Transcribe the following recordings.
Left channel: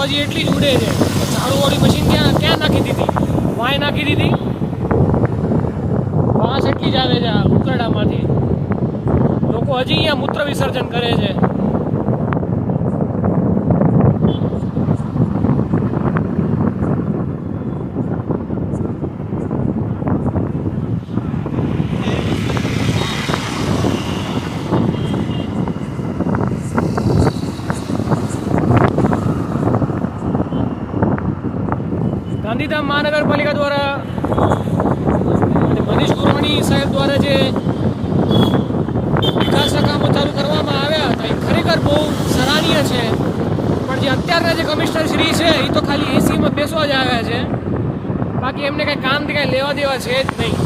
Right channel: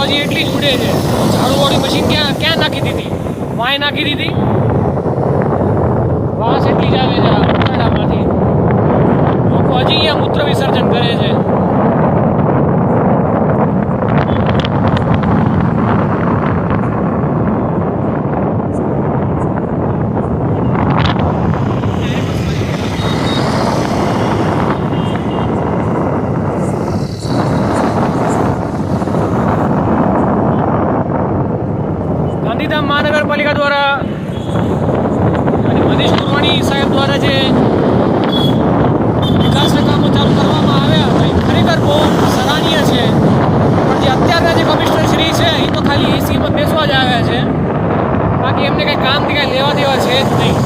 તો હજી એટલી જ ઉડે છે. ઝાડુવાળી મશીન ક્યાં નાખી દીધી? વાંય નાખી દીધી. વાસ એટલી જ આવે છે આ ઉકરડામાંથી. લોકો હજી અહીંયા મૂત્ર વિસર્જન કરે છે. ગાંધીધામ મહાનગરપાલિકા દ્વારા અને મનીષ ગુરવાણી સાહેબ દ્વારા જે વિકાસના કામો ચાલુ કરવામાં આવ્યા હતા એ ખરેખર બહુ સરાહનીય છે. પણ જે અત્યારના જે કમિશનર શ્રી છે એ તો ખાલી એસીમાં બેસવા જ આવ્યા છે. બાકી એમને કંઈ કામથી કાંઈ લેવા દેવા છે જ નહીં.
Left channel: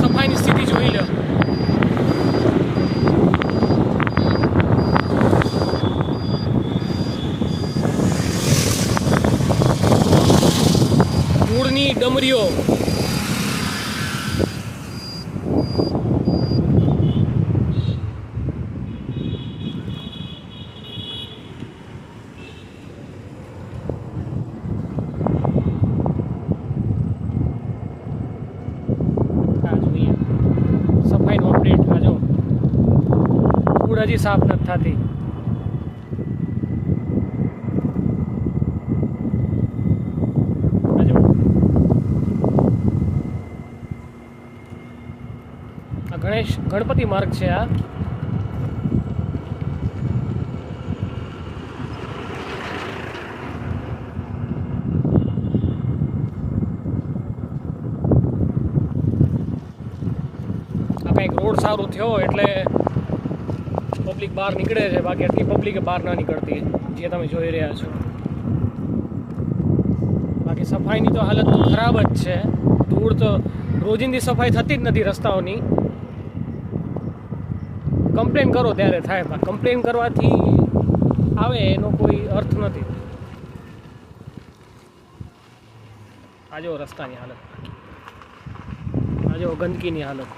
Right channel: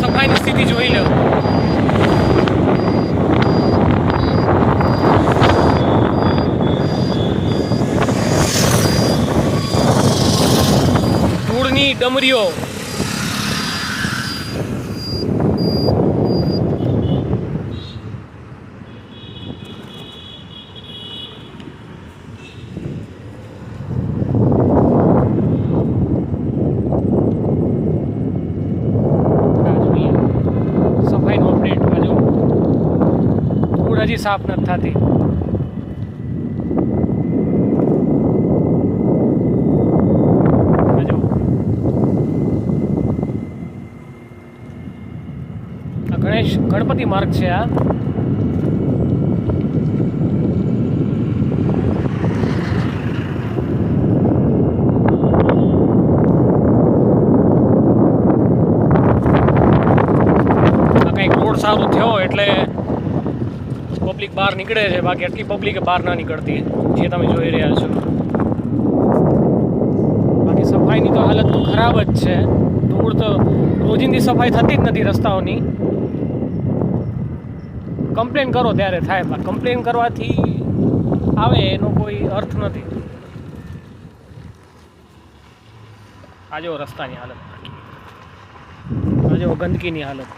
સફાઈની સ્થિતિ જોઈ લો. ધૂળની ડમરીઓ. સફાઈનું અપડેટ જો ધૂળ હજી સાફ નથી થતી. ગણપતિ માર્ગ છે આ. કંઈક રોડ સારો થયો એટલે પબ્લિક બહાર નીકળે છે. બાકી આટલી પબ્લિક બહાર ના નીકળતી જે તમે જોઈ રહ્યા છો. બાકી સફાઈની તો હાલત તો ખરાબ જ છે. ધૂળ તો રોજિંદી સફાઈ થતી જ નથી રસ્તાઓની. કમ્પ્લેન કરો ત્યારે થાય. કમ્પ્લેન કરવાથી આવે એનો કોઈ અર્થ નથી. આ જો રસ્તાની હાલત, આ જો ગંદકીની હાલત.